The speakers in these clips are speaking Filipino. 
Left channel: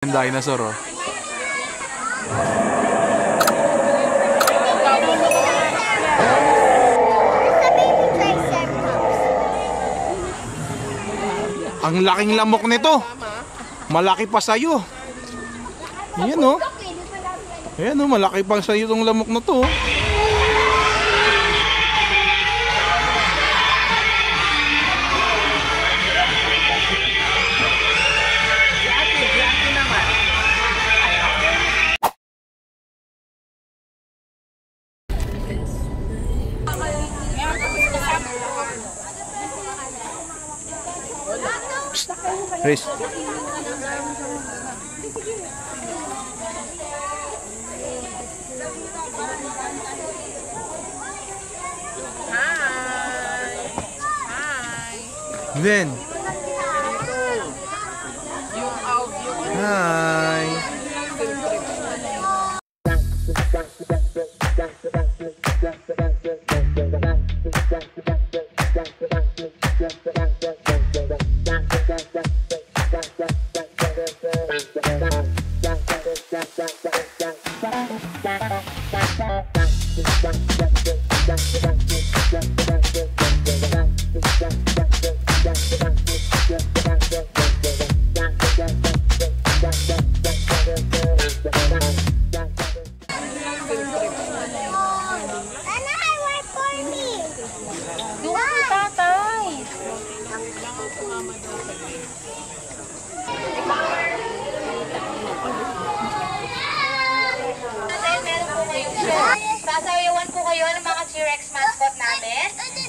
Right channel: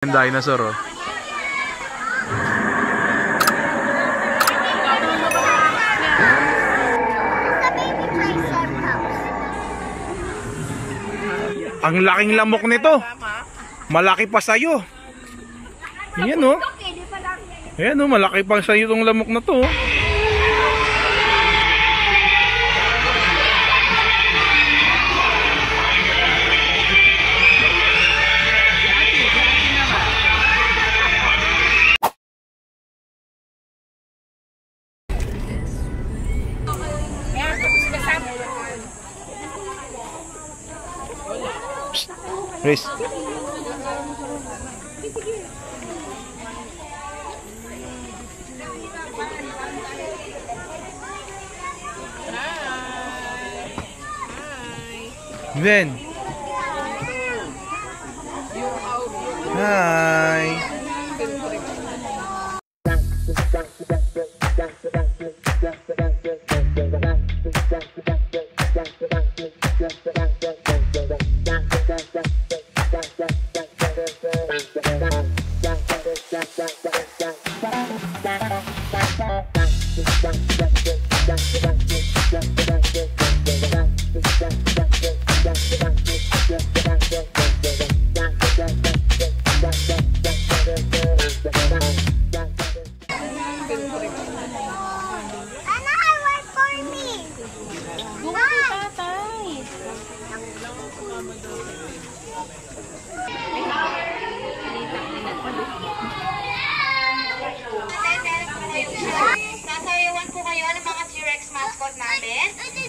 Yung dinosaur, oh. Ang laking lamok nito. Malaki pa sa'yo. Ayan, oh. Ayan, oh. Malaki pa sa'yo itong lamok na to. Chris. Then.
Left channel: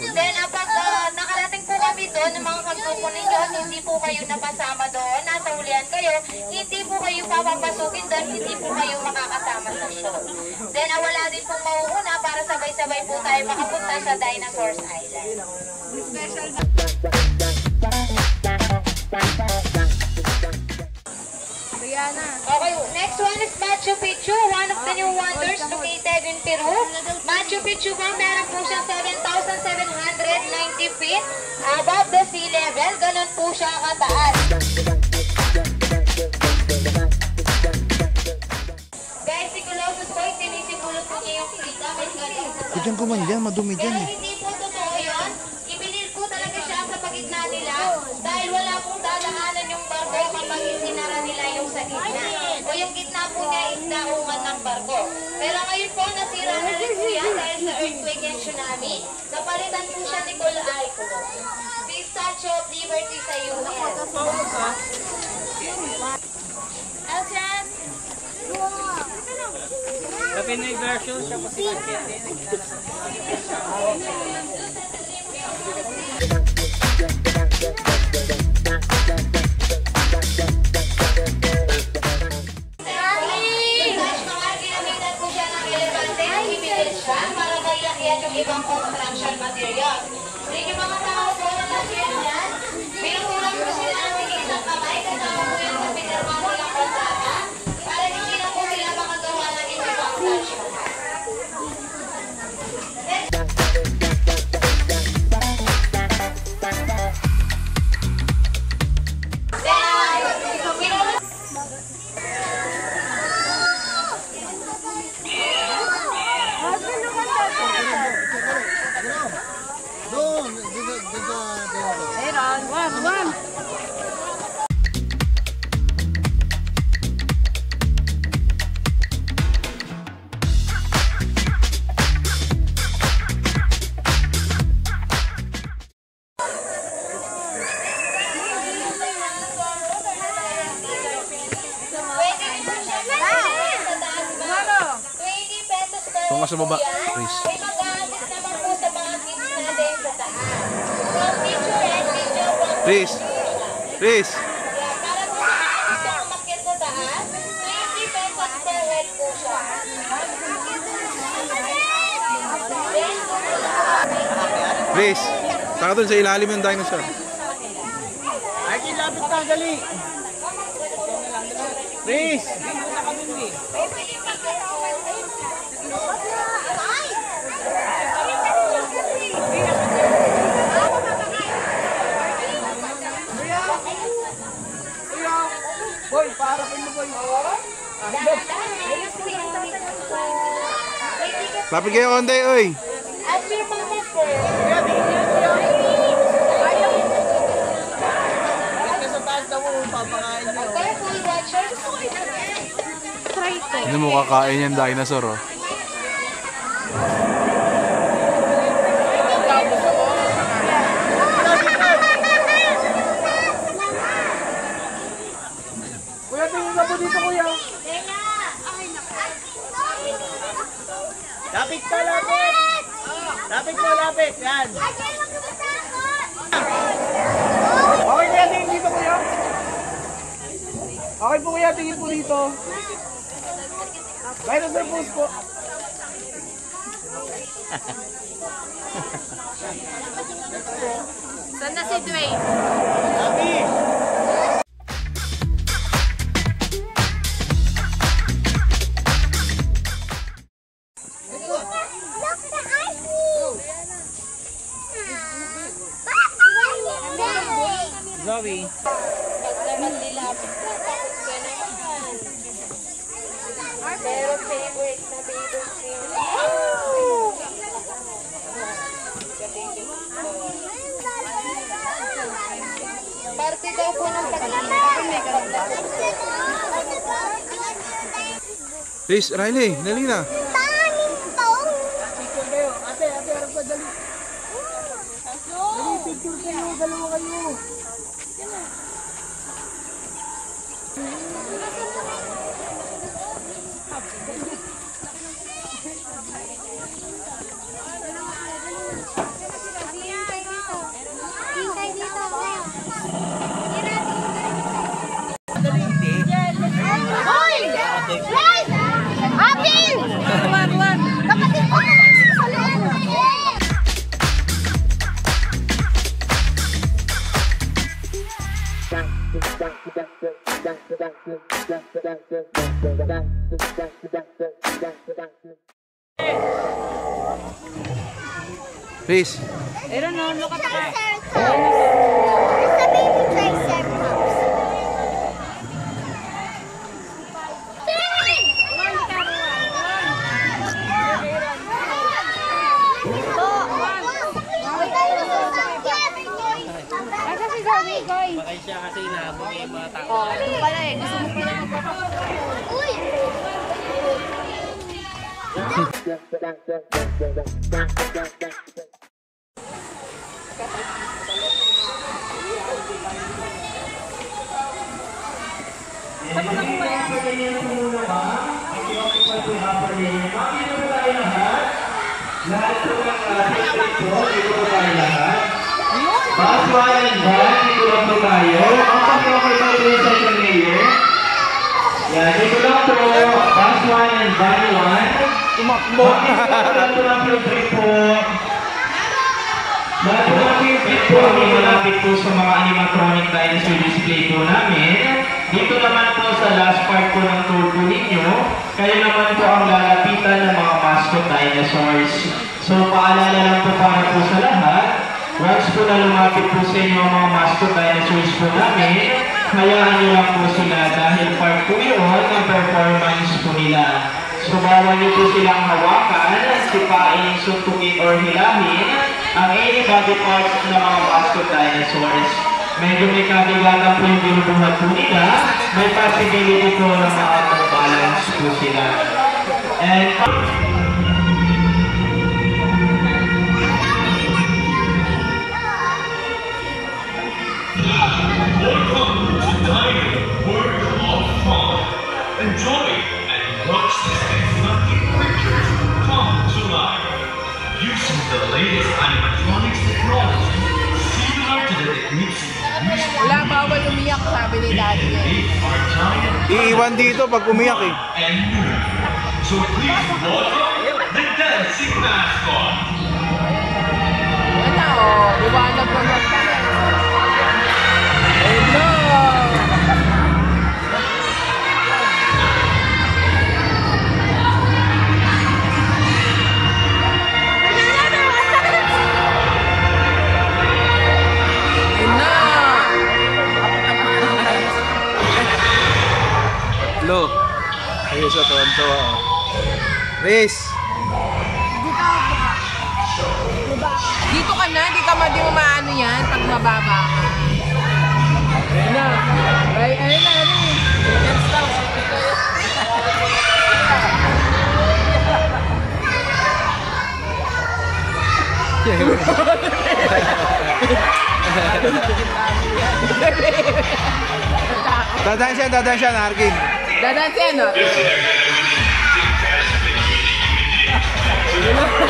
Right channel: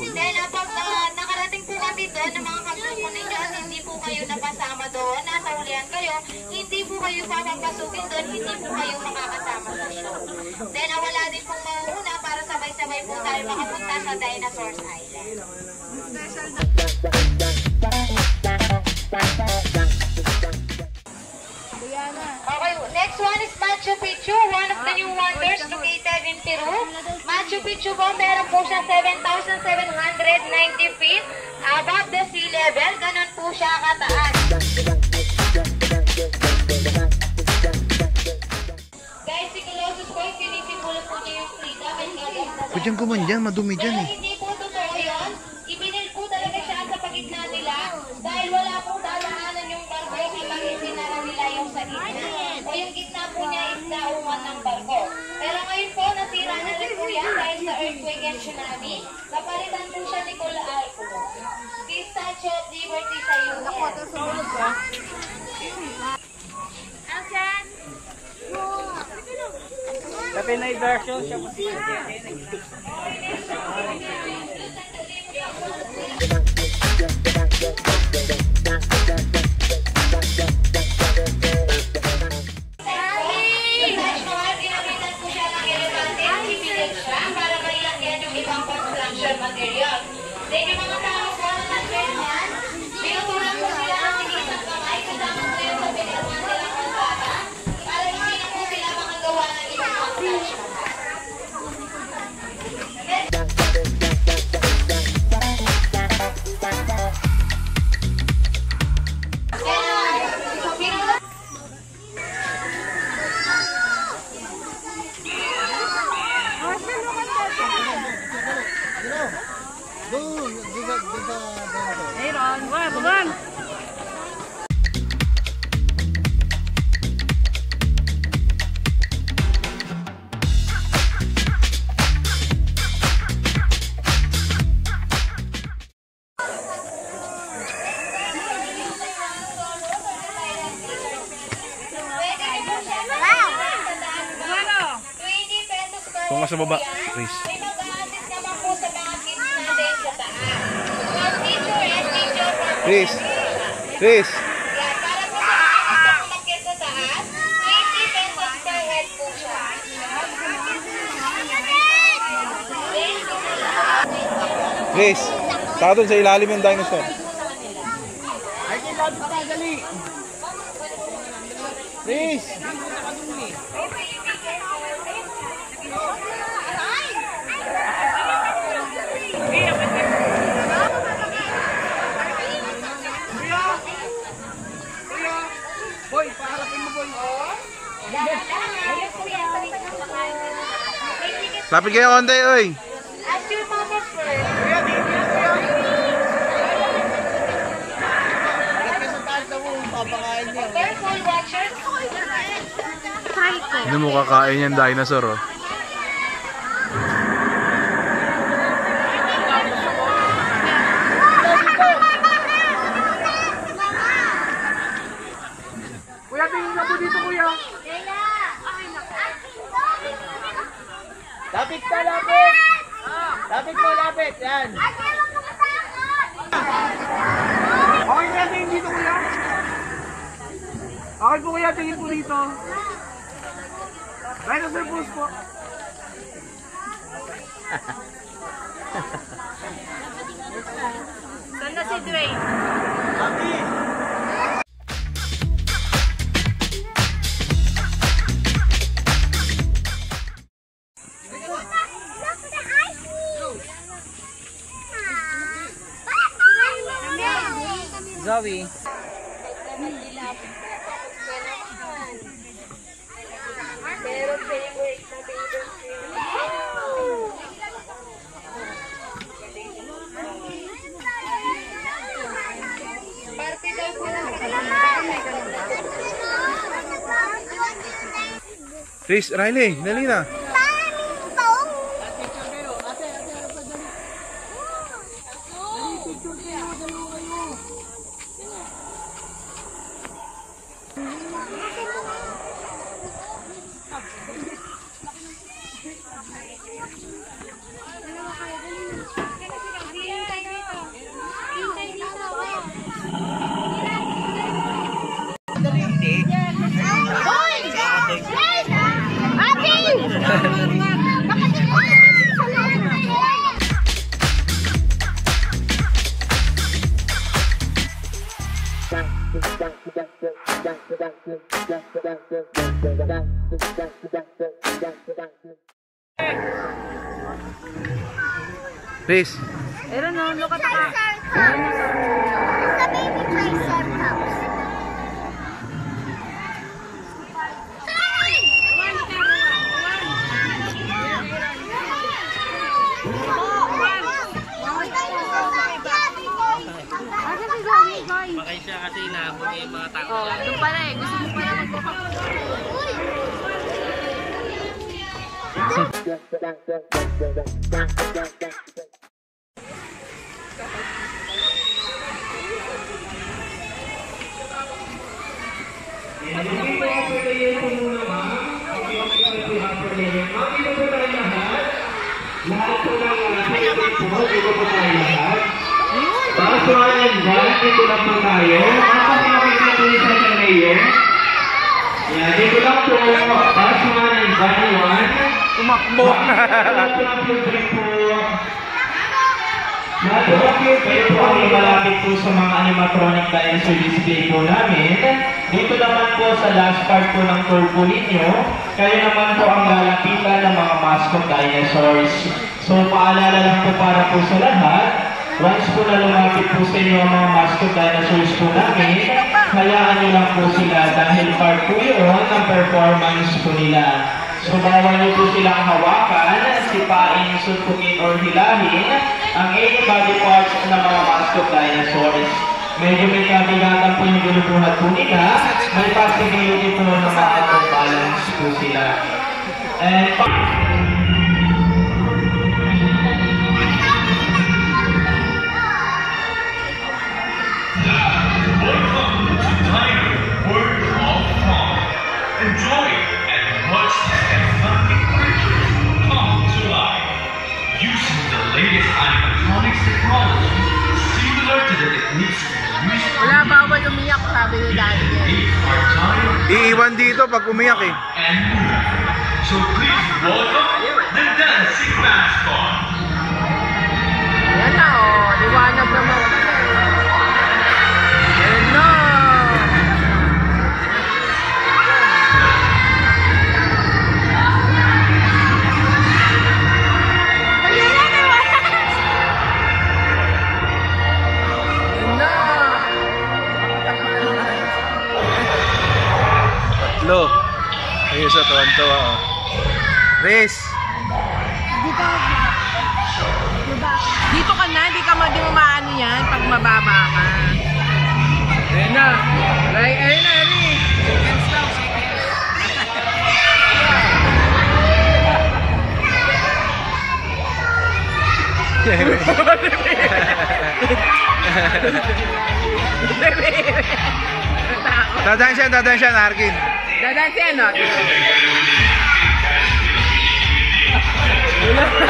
Then, kapag nakarating po kami doon ng mga kagrupo ninyo at hindi po kayo napasama doon, nasa hulihan kayo, hindi po kayo papapasukin doon, hindi po kayo makakasama sa show. Then, wala din pong mauuna para sabay-sabay po tayo makapunta sa Dinosaurs Island. Okay, next one is Machu Picchu, one of the new wonders located in Peru. Machu Picchu po, meron po siyang 7,790 feet above the sea level. Ganun po siya kataas. Guys, sigulosos po, isinisipulo po niyo yung frita. Diyan ka man dyan, madumi dyan. Pero hindi po totoo yun. Ibinil po talaga siya sa pagigna nila dahil wala pong dadaanan yung barko kapag isinara nila yung sa gitna. O yung gitna po niya is naungan ng barko. Pero ngayon po, nasira na rin po yan dahil sa earthquake and tsunami. Napalitan po siya ni Cool Icon. The Statue of Liberty sa US. Aljan! Sa Pinay version, Sa baba. May mag-a-assist naman po sa mga kids natin sa taas. So, teacher and teacher for Chris. Chris. para po sa mga umakyat sa taas, 20 pesos per head po siya. Chris. Saka doon sa ilalim yung dinosaur. ay lapit na, dali. Please. Boy, para Lapit kayo konti, oy. I'm your mama first. Careful, watchers. Hindi mo kakain yung dinosaur, oh. Lapit ka, lapit! Lapit mo, lapit! Yan! Okay na natin dito, kuya. Okay po, kuya. Tingin po dito. Right on the post po. Ganda si Dwayne. Lapit! Paglaman nila. Parte daw po ng Please, Riley, dali na. Picture kayo. Ate, harap pa dali. Dali, picture kayo. Dalawa kayo. Please. Malapit po sa mga animatronic dinosaur display po namin. Dito naman po sa last part po ng tour po ninyo, kayo naman po ang lalapitan ng mga mascot dinosaurs. So paalala lang po para po sa lahat, once po na lumapit po sa inyo ang mga mascot dinosaurs po namin, hayaan nyo lang po sila dahil part po yun ang performance po nila. So bawal nyo po silang hawakan, sipain, suntukin, or hilahin ang any body parts ng mga mascot dinosaurs. Medyo may kabigatan po yung binubuhat po nila, may possibility po na makapag-balance po sila. And welcome to Dino World of Fun. Enjoy and watch these exotic creatures come to life. Using the latest animatronics technology, similar to the techniques used in it can make our giant Iiwan dito pag umiyak eh. and move. So please welcome the dancing mascot. Please. yan, ah. Yes, and I got everything you think, guys. Everything you can dig. To the part.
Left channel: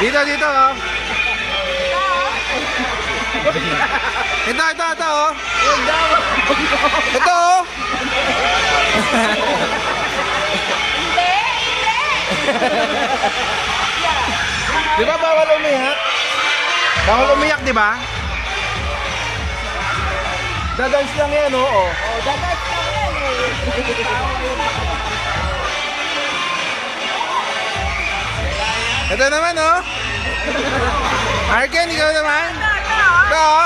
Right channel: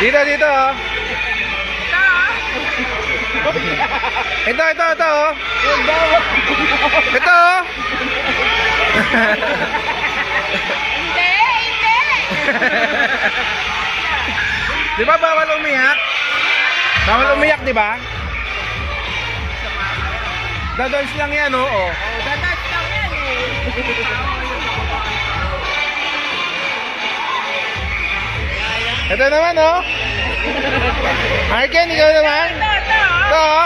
Dito, dito oh. Ito, ito, ito oh. Ito oh. Di ba bawal umiyak? Bawal umiyak, di ba? Dadans lang yan oh. Dadans lang yan. Ito naman oh. Arken, ikaw naman. Ito oh.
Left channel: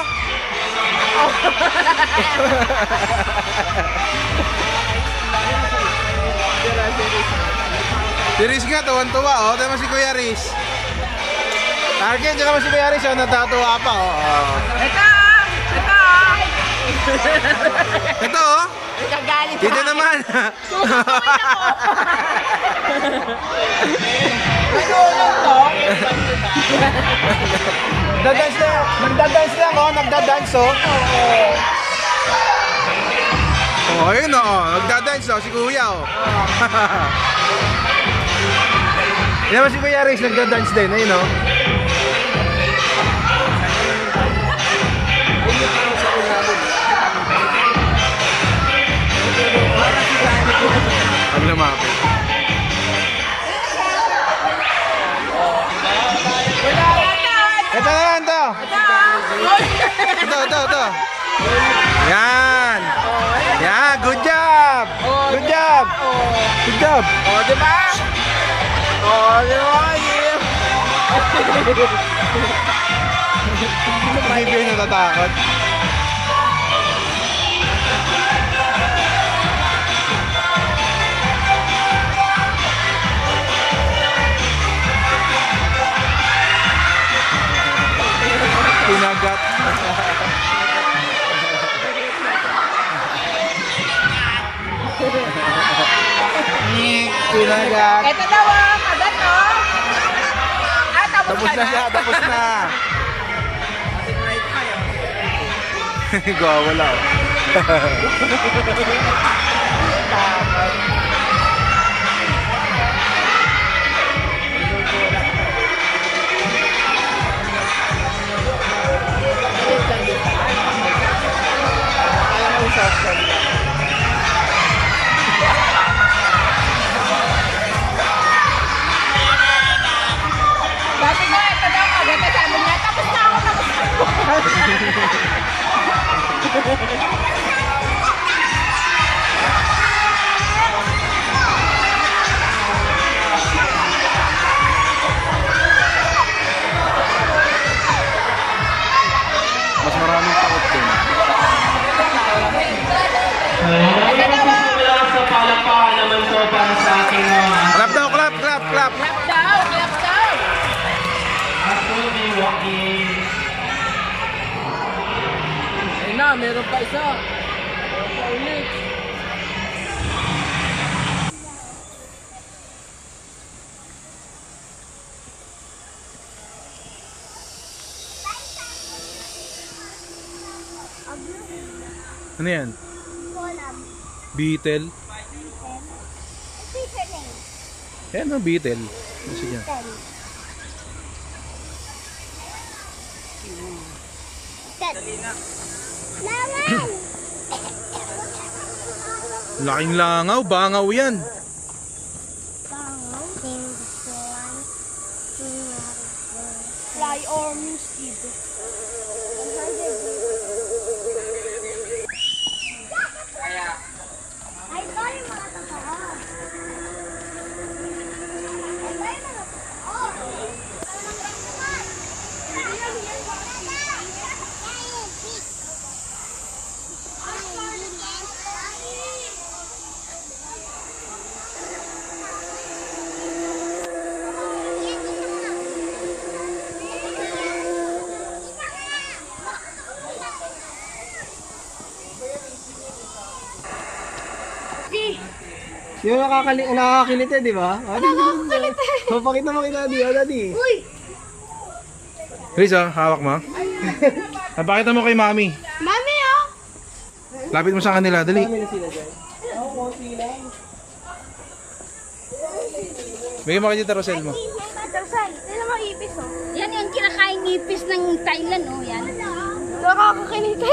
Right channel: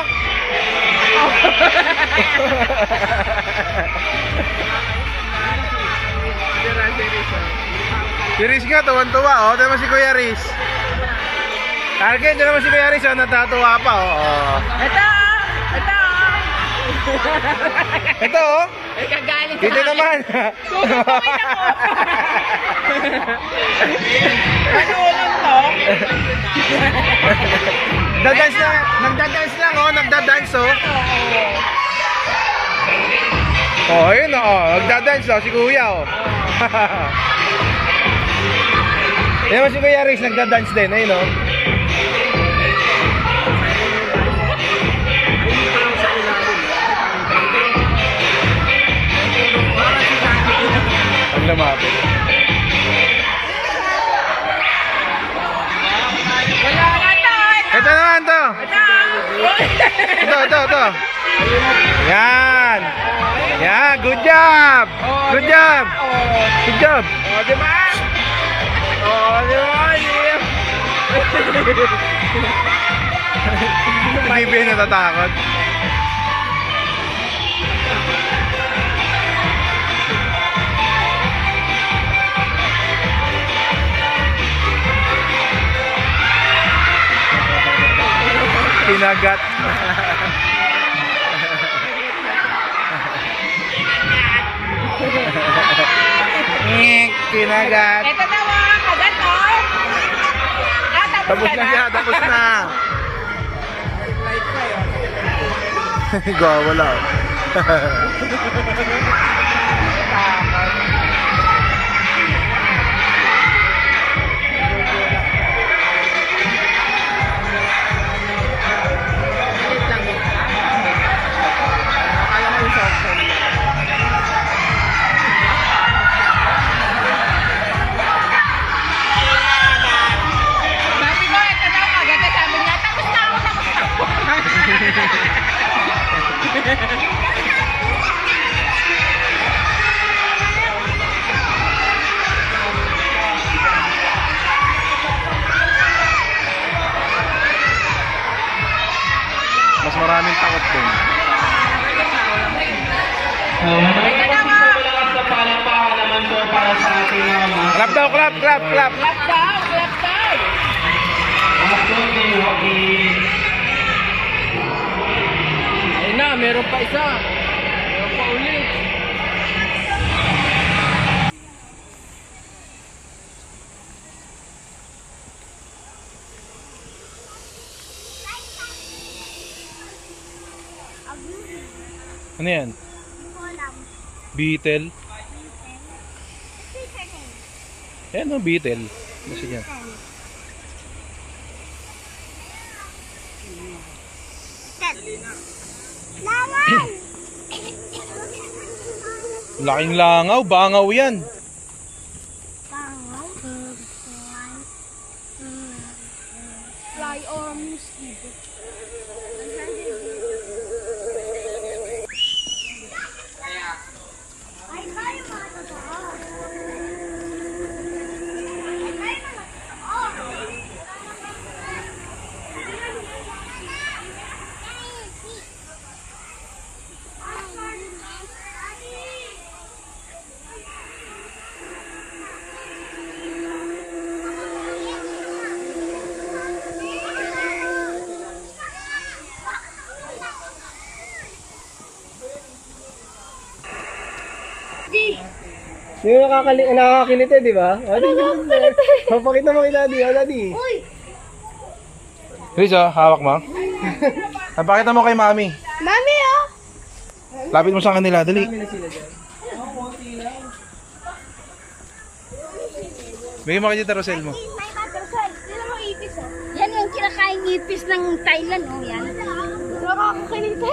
Si Riz nga, tawan-tuwa oh. Tama si Kuya Riz. Arken, tsaka si Kuya Riz oh. Natatuwa pa oh. Ito oh. Nagagalit Dito naman. Nagdadance na ako, nagdadance oh. Oh, ayun oh, nagdadance oh, si Kuya oh. Yan naman si Kuya Riz, nagdadance din, ayun oh. Lumapit. Ito. Yan. Yan, good job. Good job. Good job. Hindi natatakot. Ito daw ang maganda. Tapos Tapos na siya, tapos na. Gawa na. Sa palakpakan naman po para sa ating Clap daw, clap, clap, clap. Ayun na, meron pa isa. Ano yan? Beetle? Yan ang beetle. Kasi yan. Laking langaw, bangaw yan. Yung nakakakilite, di ba? Nakakakalite. Papakita mo kay Daddy, Daddy. Uy! Chris, oh, hawak mo. Napakita mo kay Mami. Mami, oh! Lapit mo sa kanila, dali. Bigyan mo kay Tita Rosel mo. May matasal. Tignan mo ipis, oh. Yan yung kinakain ipis ng Thailand. Yan. Nakakakalite.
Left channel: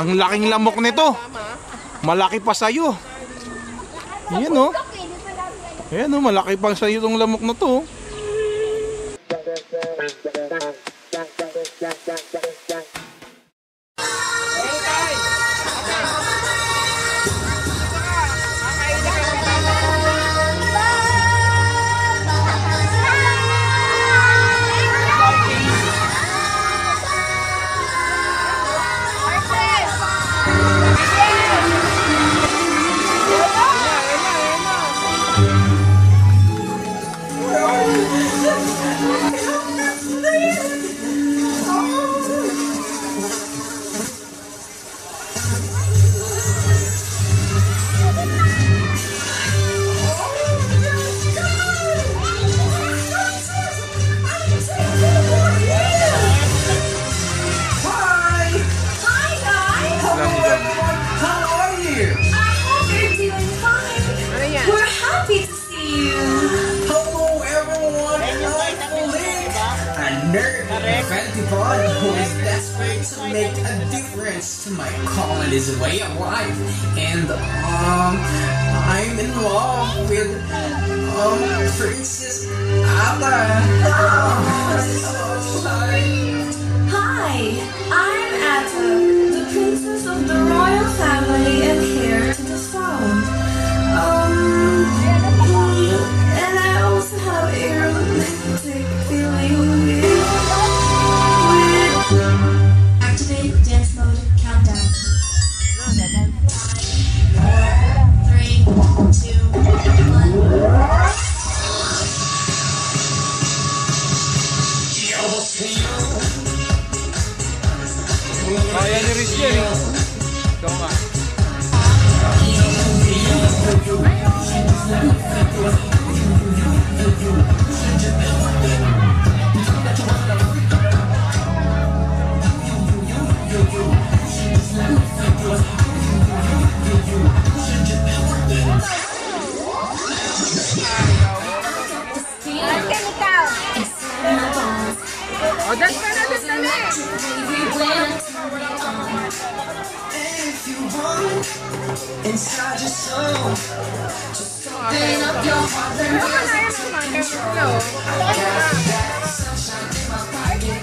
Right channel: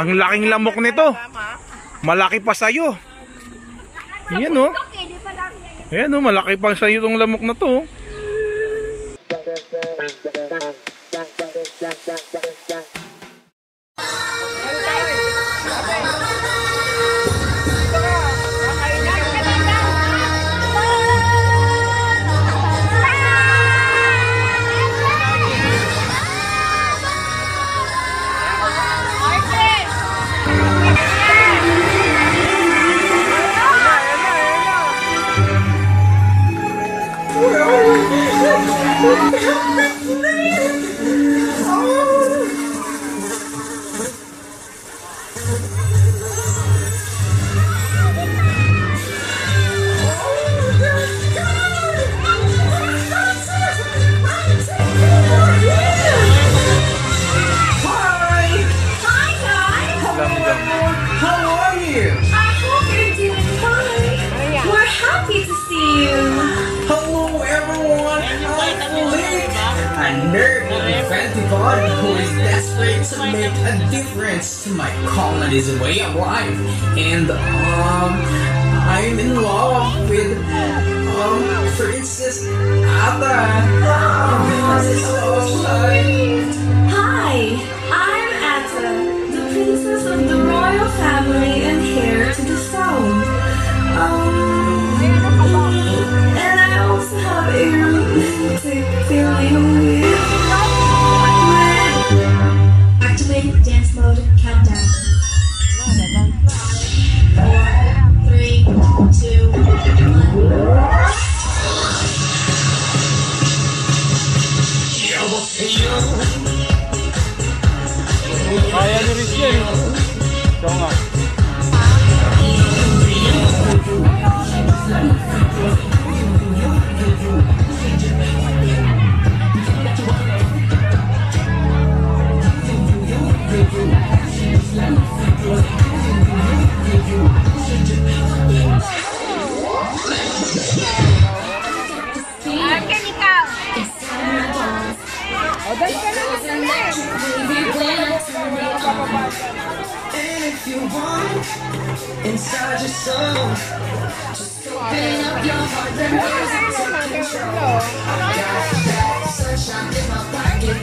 Ang laking lamok nito. Malaki pa sa'yo. Ayan o. Ayan o, malaki pa sa'yo itong lamok na to. Hello everyone, I'm Philippe, a nerd inventive body who is desperate to make a difference to my colony's way of life. And I'm in love with Princess Ata. Hi, I'm Atta, the princess of the royal family and heir to the throne. And I also have a romantic feeling with activate dance mode countdown. 4, 3, 2, 1. Inside your soul, just open up your heart, let music take control. I got that sunshine in my pocket.